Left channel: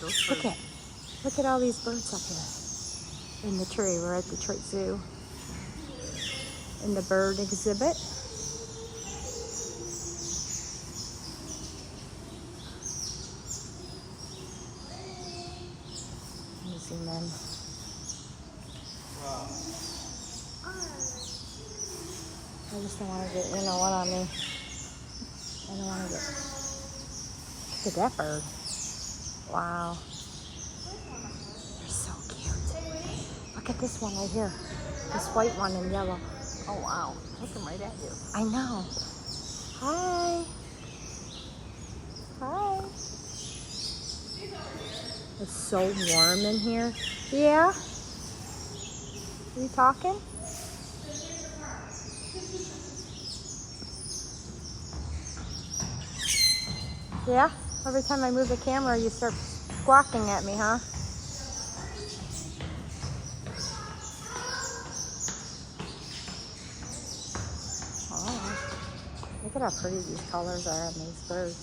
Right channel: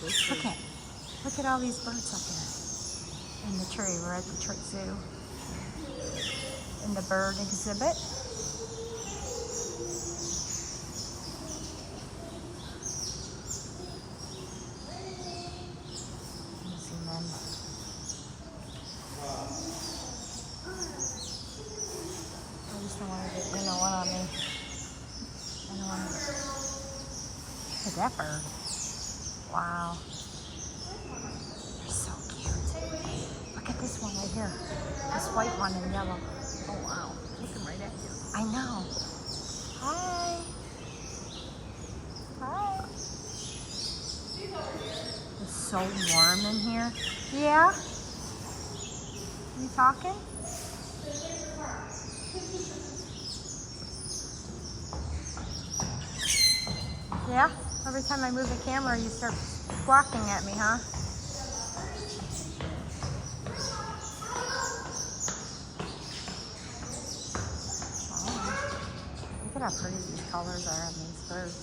Look at all these birds up here in the tree. We're at the tree zoo. In the bird exhibit. Zoom in. I just don't want to get, you know what I mean? I don't want to get. Look at that bird. Wow. They're so cute. Look at this one right here. This white one in yellow. Oh wow. Looking right at you. I know. Hi. Hi. It's so warm in here. Yeah? Are you talking? Yeah? Every time I move the camera, you start squawking at me, huh? Oh, look at how pretty these colors are on these birds.